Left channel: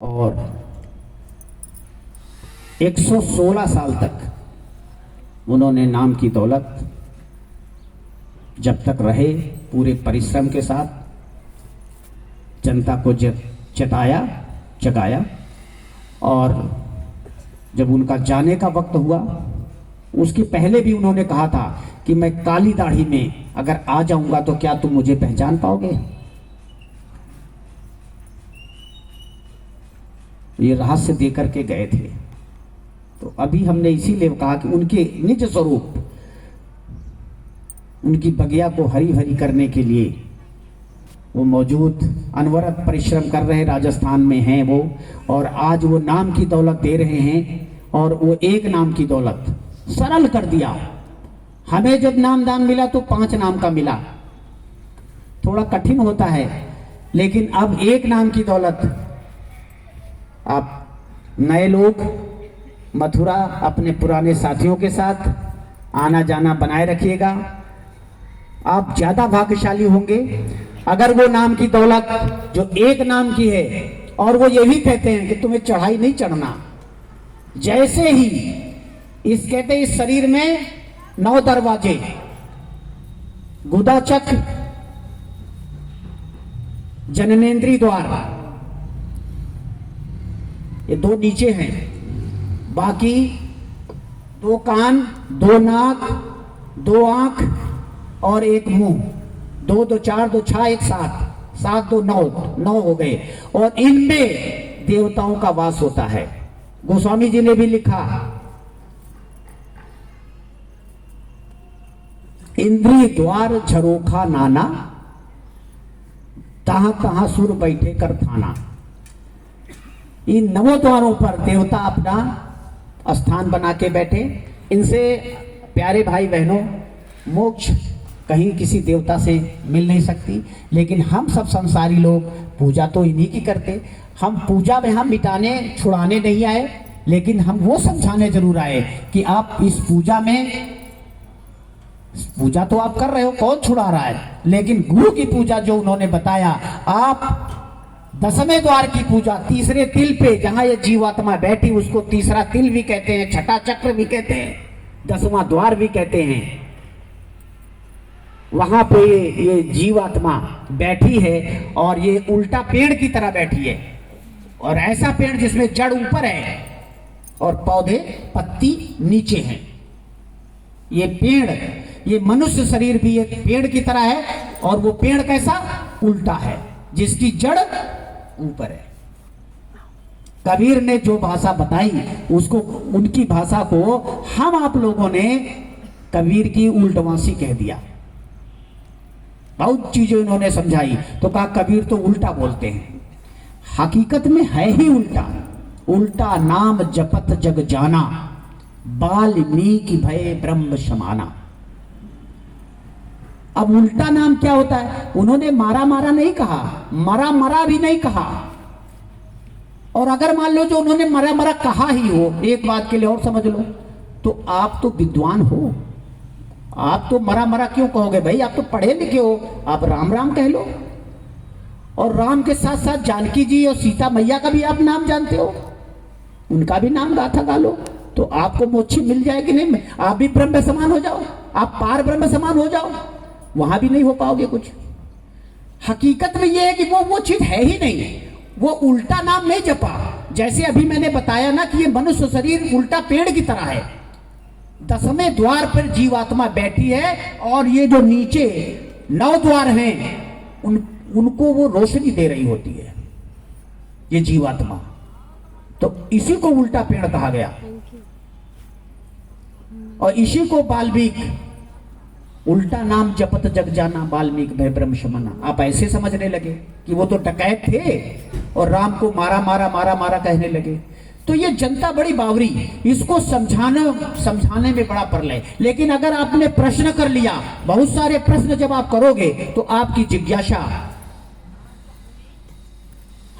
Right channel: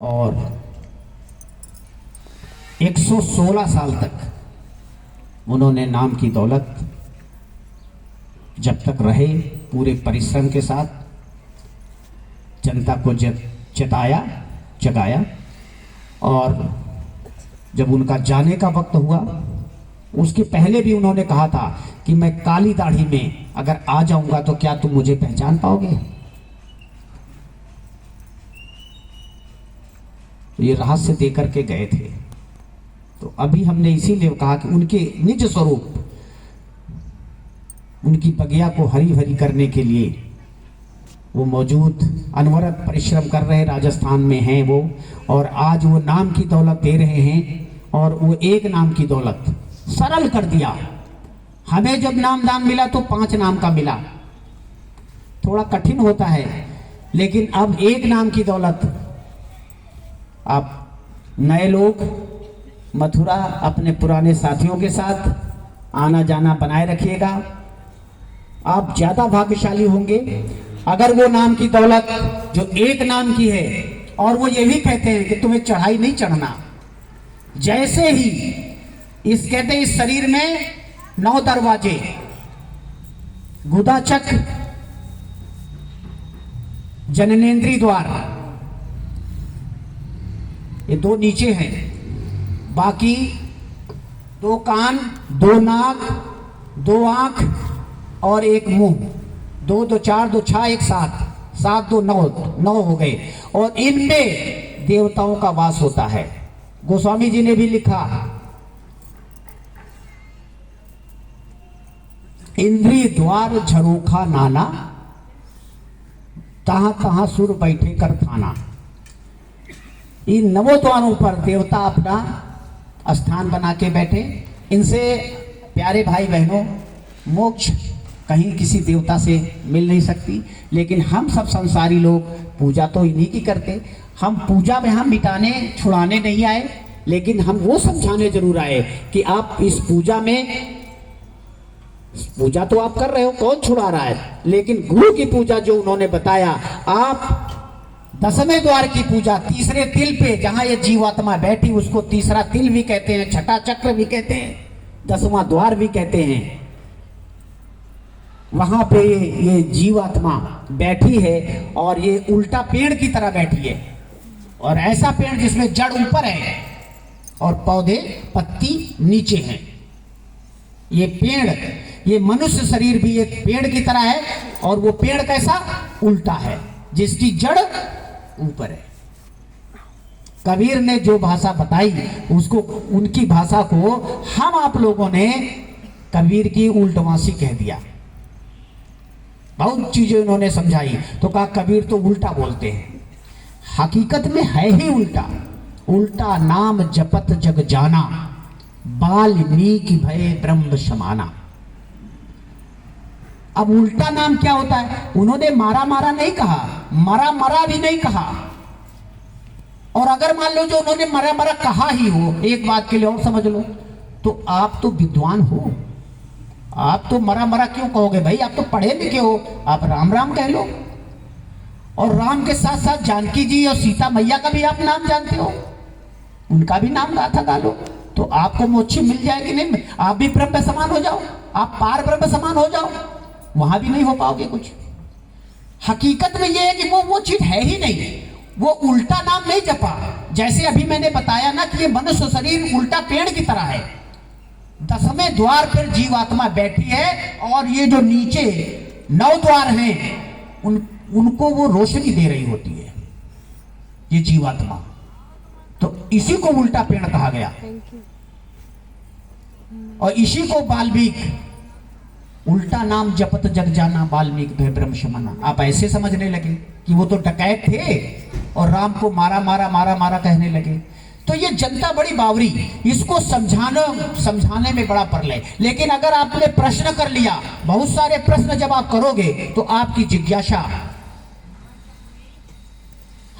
और 116 साल तक उन्होंने नाम की दौलत जब तक रहे पूरे परिश्रम के साथ जनता को जताया जगाया। और जब उनका जाने का वक्त हुआ उसके पहले भी उन्होंने कहा था कि मैं काली दाढ़ी में अगर आ जाऊंगा तो क्या तुम मुझे पहचान पाओगे। ये रहस्य देकर के गए थे। तो अभी हमने इसीलिए कहा कि उनके निज स्वरूप उनकी बगिया को हरी भरी करने के लिए वो मौजूद अनवरत परिश्रम कर रहे राजस्थान में हैं वो, और आज वो नाम की दौलत दे रहे हैं। और वो एक नाम की दौलत सरल कर दिया। हमें जब नामदान मिला तो 5 नाम का मिला, थोड़ा कठिन होता है, लेकिन अब एक नाम की दौलत। आप नए लोग मथुरा अपने पुराने साथियों के साथ आना जाना बनाए रखिएगा। आप ज्यादा भाग्यशाली होंगे अगर वो नाम की दौलत जो एक नाम की है, और वो ये भी कहते हैं कि तुम्हें चढ़ाई नहीं चढ़ना। जैसे ही कहते इस शरीर में 9 दरवाजे, गुदाचक, जननेंद्रिय द्वार, ये 2 नीचे हैं, बाकी 2 कान, 2 नाक, 2 आंख और 1 मुंह, 2 2 4 2 6 1 7 7 2 9 हो गए। और इनमें देवताओं का वास होता है। गोस्वामी जी ने भी लिखा, इंद्रिय द्वार झरोखा नाना, तहां तहां सुर बैठे कर थाना। इन 9 द्वारों पर देवता अपना स्थान बना के बैठे। इनसे प्यारे भाई बहनों, मोक्ष कहीं किसी देवता से मिल नहीं सकती, लेकिन हम सब संसारी लोग पूजा तो इन्हीं की करते। हम पूजा में हम मिटाने छुड़ाने नहीं आए, लेकिन हम वो समझाने जरूर आए कि आप इस पूजा में, पूजा तो आप कर रहे हो, कौन छुड़ा रहा है, लेकिन गुरु की पूजा जो उन्होंने बताया, आप 10वें द्वार की पूजा, तीसरे तिल पे जहां ये जीवात्मा बैठी उसको तीसरा तिल भी कहते हैं, छठा चक्र भी कहते हैं, 10वां द्वार भी कहते हैं। वहां पे ये जीवात्मा बैठी है और ये उल्टा पेड़ की तरह बैठी है। और ऐसा पेड़ जिसमें जड़ ऊपर है और पौधे पत्ती नीचे हैं। ये पेड़, ये मनुष्य शरीर भी एक पेड़ की तरह है, और वो पेड़ कैसा उल्टा है, जिसकी जड़ ऊपर है। कबीर ने जो भाषा बताई उसको, उनकी भाषा को हम आप लोगों ने कबीर की उल्टवासी कह दिया। बहुत चीजें उन्होंने समझाई तो कहा कबीर तो उल्टा बोलते हैं। हकीकत में है ही उल्टा। उल्टा नाम जपत जग जाना, बाल्मीकि भय ब्रह्म समाना। अब उल्टा नाम क्या होता है? उन्होंने मारा मारा नहीं कहा, मरा मरा भी नहीं कहा। और अगर मान लो जो उन्होंने मरा मरा कहा ही हो, एक बात के लिए और समझ लो, तो आप तो विद्वान हो, आप तो मरा मरा क्यों कहोगे भाई? आप तो पढ़े लिखे हो, आप राम राम कह लो। और राम के साथ साथ जानकी जी और सीता मैया का भी आप नाम जानते हो, उनका भी नाम गाथा गा लो, तो आपको मोक्ष मिल जाएगी। नहीं, आप भी ब्रह्म समान हो जाओ, आप पार ब्रह्म समान हो जाओ। वहां भी नहीं हो पाओगे कुछ। हकीकत में यह है कि वो चीज है ही नहीं। वो उल्टा नाम नहीं जपा। जैसे अभी मैंने बताया ना कि ये मनुष्य शरीर उल्टा पेड़ की तरह है। 10वें द्वार पर जीवात्मा बैठी है, और ये जो नीचे 9 द्वार हैं उनको वो रोशनी दे रही होती है, ये जीवात्मा। तो इसी को उल्टा पेड़ कहा गया। और इसी को वाल्मीकि, उल्टा नाम जपत जग जाना, वाल्मीकि भय ब्रह्म समाना। आप ऐसे समझने लगे कि वो तो डकैत थे और राम को मारा मारा मारा मारा कहने लगे। तो ये जनता बड़ी बावरी, इसको समझाने में बड़ा प्रलय। लेकिन अगर आपने प्रश्न कर लिया, बहुत सारे प्रश्न जब आप करोगे तो आपकी जिज्ञासा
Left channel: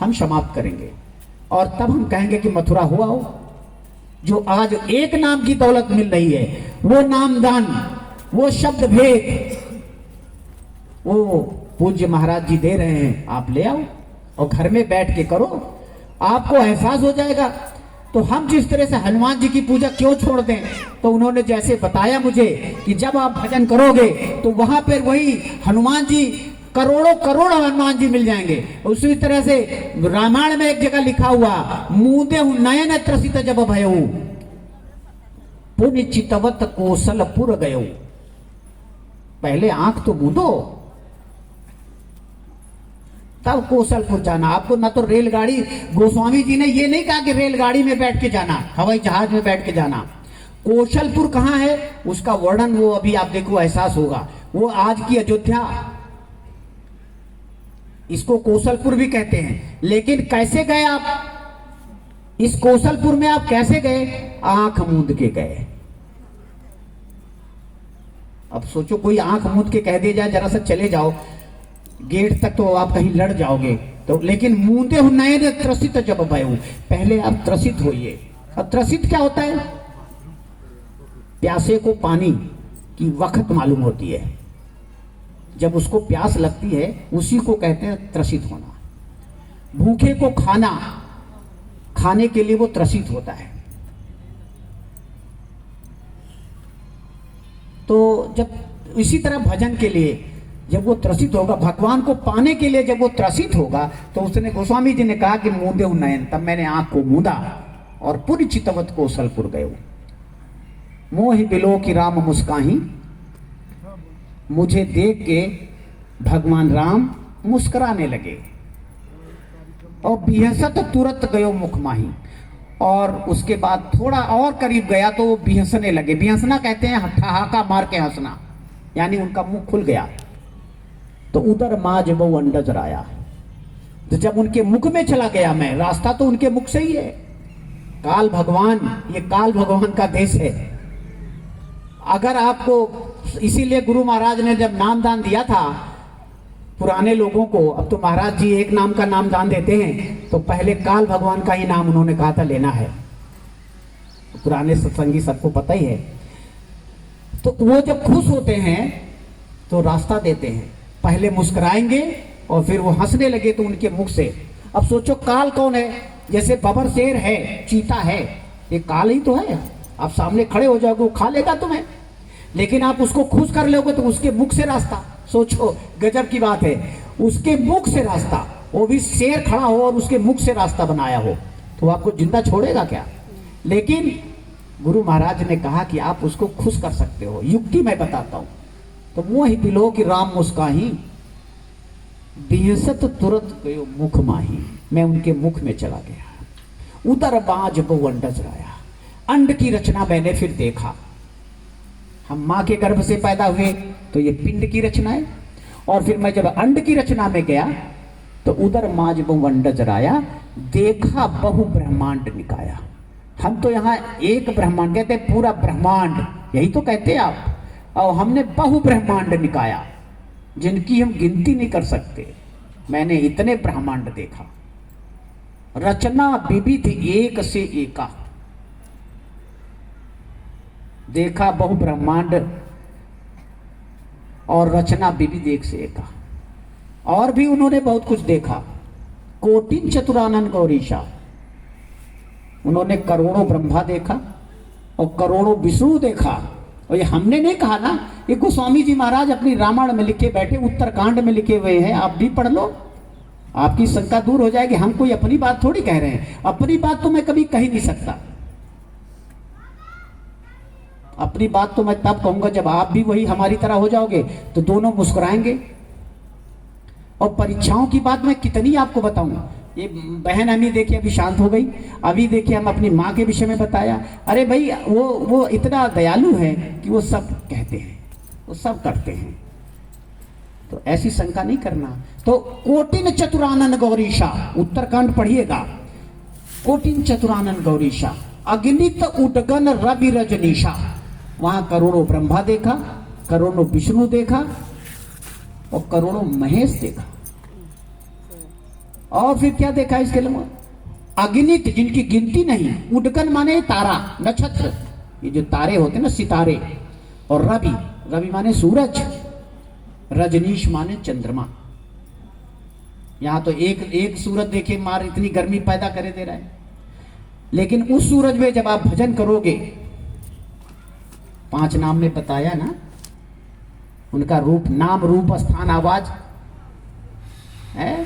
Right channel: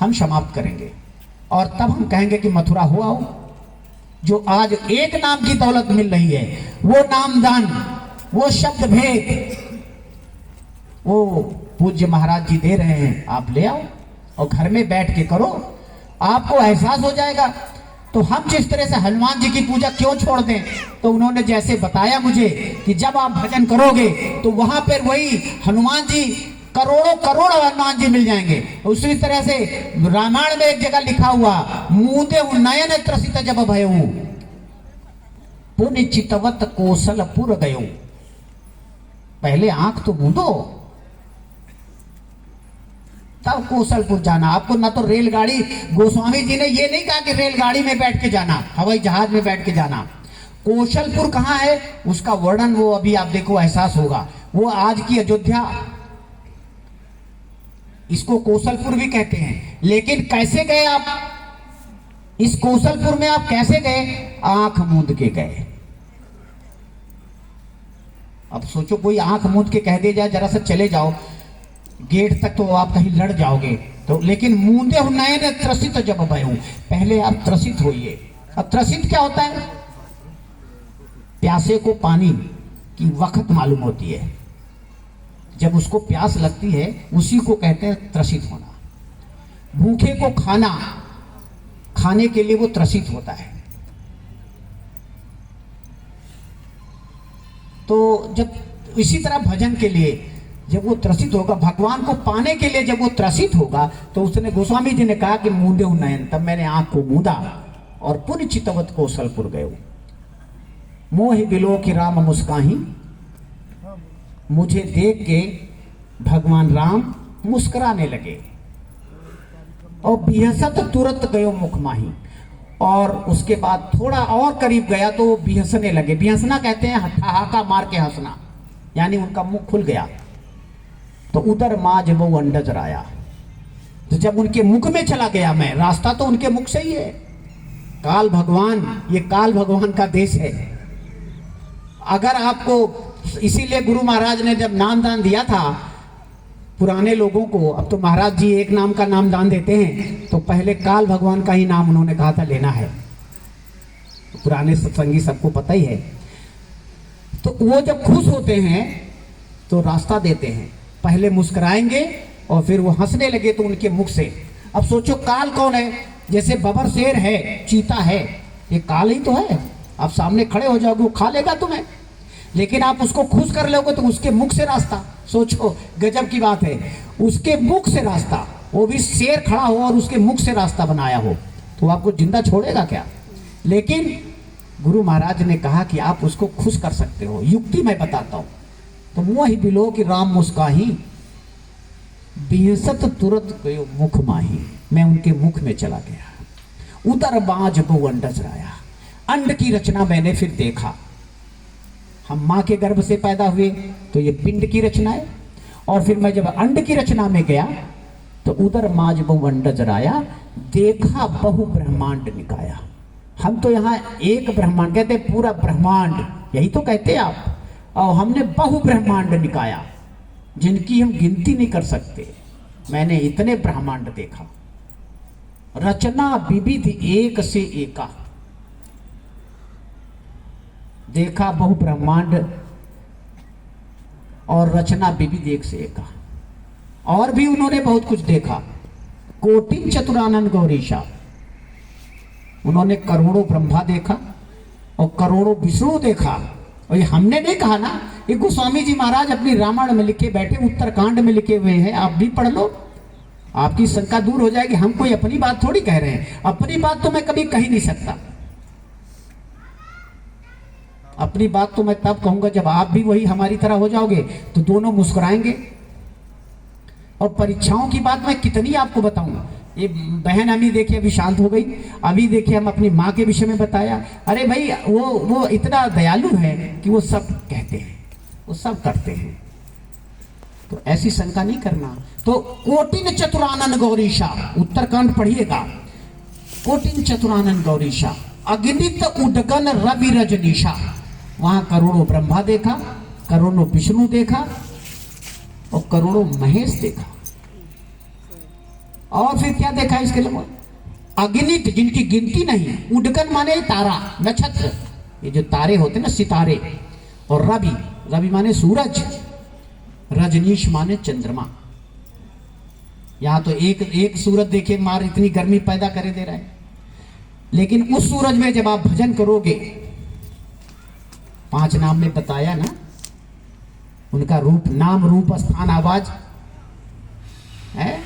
हम समाप्त करेंगे, और तब हम कहेंगे कि मथुरा हुआ हो। जो आज एक नाम की दौलत मिल रही है, वो नामदान, वो शब्द भेद, वो पूज्य महाराज जी दे रहे हैं, आप ले आओ और घर में बैठ के करो। आपको एहसास हो जाएगा। तो हम जिस तरह से हनुमान जी की पूजा क्यों छोड़ दें, तो उन्होंने जैसे बताया मुझे कि जब आप भजन करोगे तो वहां पर वही हनुमान जी, करोड़ों करोड़ हनुमान जी मिल जाएंगे। उसी तरह से रामायण में एक जगह लिखा हुआ, मूदे नयन त्रसित जब भयऊ पुण्य चितवत कौशलपुर गयो। पहले आंख तो मूंदो तब कौशलपुर जाना। आपको ना तो रेलगाड़ी, गोस्वामी जी ने ये नहीं कहा कि रेलगाड़ी में बैठ के जाना, हवाई जहाज में बैठ के जाना। कौशलपुर कहाँ है उसका वर्णन वो अभी आप देखो, एहसास होगा। वो आज की अयोध्या, इसको कौशलपुर भी कहते हैं। लेकिन कैसे गए आप इस कौशलपुर में? आप कैसे गए? आंख मूंद के गए। अब सोचो कोई आंख मूंद के कह दे जाए जरा सा चले जाओ गेट तक, तो आप कहीं लड़ जाओगे। तो लेकिन मूंदे नयन त्रसित जब भयऊ, पहले आप त्रसित होइए। अब त्रसित क्या होता है? प्यासे को पानी की वक्त मालूम होती है, जब उसको प्यास लगती है उसी को कहते हैं त्रसित होना। भूखे को खाना, खाने के लिए वो त्रसित होता है। तो जब इसी तरह भजन के लिए जब वो त्रसित होगा, भगवान को पाने के लिए जब वो त्रसित होगा, तो उसने, गोस्वामी जी ने कहा कि मूंदे नयन, तब मैंने आंख को मूंदा और पुर चितवत कौशलपुर गए। मोहि बिलो की राम मुस्काही, मुझे देख के भगवान राम मुस्कुराने लगे। और बिहसत तुरंत गयो मुख माही, और उसके बाद थोड़ा और करीब गया तो वो बिहसने लगे। बिहसना कहते हैं ठहाका मार के हंसना, यानी उनका मुंह खुल गया। तो उधर माँ जब वो अंडज आया, तो जब उनके मुख में चला गया मैं, रास्ता तो उनके मुख से ही है। काल भगवान, ये काल भगवान का देश है। अगर आपको, इसीलिए गुरु महाराज ने जब नाम दान दिया था पुराने लोगों को, अब तो महाराज जी एक नाम का नाम दान देते हैं, तो पहले काल भगवान का ही नाम उन्होंने कहा था लेना है। पुराने सत्संगी सबको पता ही है। तो वो जब खुश होते हैं तो रास्ता देते हैं, पहले मुस्कुराएंगे और फिर वो हंसने लगे तो उनके मुख से। अब सोचो काल कौन है? जैसे बबर शेर है, चीता है, ये काल ही तो है। आप सामने खड़े हो जाओगे वो खा लेगा तुम्हें, लेकिन आप उसको खुश कर लोगे तो उसके मुख से रास्ता। सोचो गजब की बात है, उसके मुख से रास्ता, वो भी शेर खड़ा हो और उसके मुख से रास्ता बनाया हो, तो आपको जिंदा छोड़ेगा क्या? लेकिन गुरु महाराज ने कहा कि आप उसको खुश कर सकते हो। युक्ति मैं बताता हूं। तो मोहि बिलो की राम मुस्काही, बिहसत तुरंत गयो मुख माही, मैं उनके मुख में चला गया। उदर बाज को अंडज आया, अंड की रचना मैंने फिर देखा। हम माँ के गर्भ से पैदा हुए तो ये पिंड की रचना है, और फिर मैं जब अंड की रचना में गया तो उधर माज बहु अंडज आया, देखा बहु ब्रह्मांड निकाया। हम तो यहाँ एक ब्रह्मांड कहते, पूरा ब्रह्मांड यही तो कहते हैं आप, और हमने बहु ब्रह्मांड निकाया जिनकी हम गिनती नहीं कर सकते। मैंने इतने ब्रह्मांड देखा, रचना विविध एक से एका, देखा बहु ब्रह्मांड और रचना विविध एक से एका। और भी उन्होंने बहुत कुछ देखा। कोटिन चतुरानन गौरीशा, उन्होंने करोड़ों ब्रह्मा देखा और करोड़ों विष्णु देखा। और ये हमने नहीं कहा ना, ये गोस्वामी जी महाराज अपनी रामायण में लिखे बैठे, उत्तरकांड में लिखे हुए हैं, आप भी पढ़ लो, आपकी शंका दूर हो जाएगी। हम कोई अपनी बात थोड़ी कह रहे हैं, अपनी बात तो मैं कभी कह ही नहीं सकता। अपनी बात तो मैं तब कहूंगा जब आप भी वही हमारी तरह हो जाओगे, तो दोनों मुस्कुराएंगे। और परीक्षाओं की बात मैं कितनी आपको बताऊंगा। ये बहन अभी देखिए अभी शांत हो गई, अभी देखिए हम अपनी माँ के विषय में बताया। अरे भाई वो इतना दयालु है कि वो सब कहते हैं, वो सब करते हैं, तो ऐसी शंका नहीं करना। तो कोटिन चतुरानन गौरीशा, उत्तरकांड पढ़िएगा। कोटिन चतुरानन गौरीशा, अगणित उदगन रवि रजनीशा, वहां करोड़ों ब्रह्मा देखा, करोड़ों विष्णु देखा और करोड़ों महेश देखा। और फिर क्या देखा इसके लिए? अगणित, जिनकी गिनती नहीं। उदगन माने तारा, नक्षत्र, ये जो तारे होते हैं ना, सितारे। और रवि, रवि माने सूरज, रजनीश माने चंद्रमा। यहाँ तो एक एक सूरज देखिए मार इतनी गर्मी पैदा करे दे रहा है, लेकिन उस सूरज में जब आप भजन करोगे, 5 नाम में बताया ना, उनका रूप, नाम, रूप, स्थान, आवाज है।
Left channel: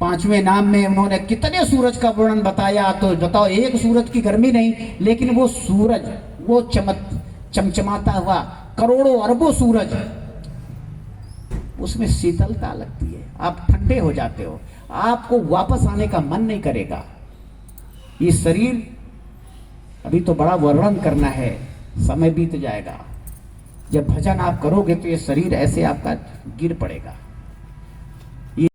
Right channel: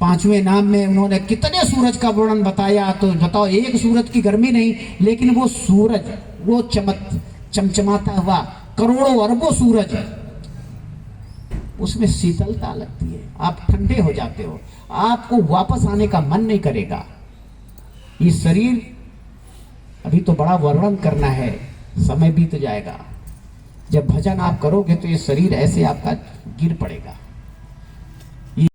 5वें नाम में उन्होंने कितने सूरज का वर्णन बताया, तो बताओ एक सूरज की गर्मी नहीं, लेकिन वो सूरज, वो चमचमाता हुआ करोड़ों अरबों सूरज, उसमें शीतलता लगती है, आप ठंडे हो जाते हो, आपको वापस आने का मन नहीं करेगा। ये शरीर अभी तो बड़ा वर्णन करना है, समय बीत जाएगा। जब भजन आप करोगे तो ये शरीर ऐसे आपका गिर पड़ेगा।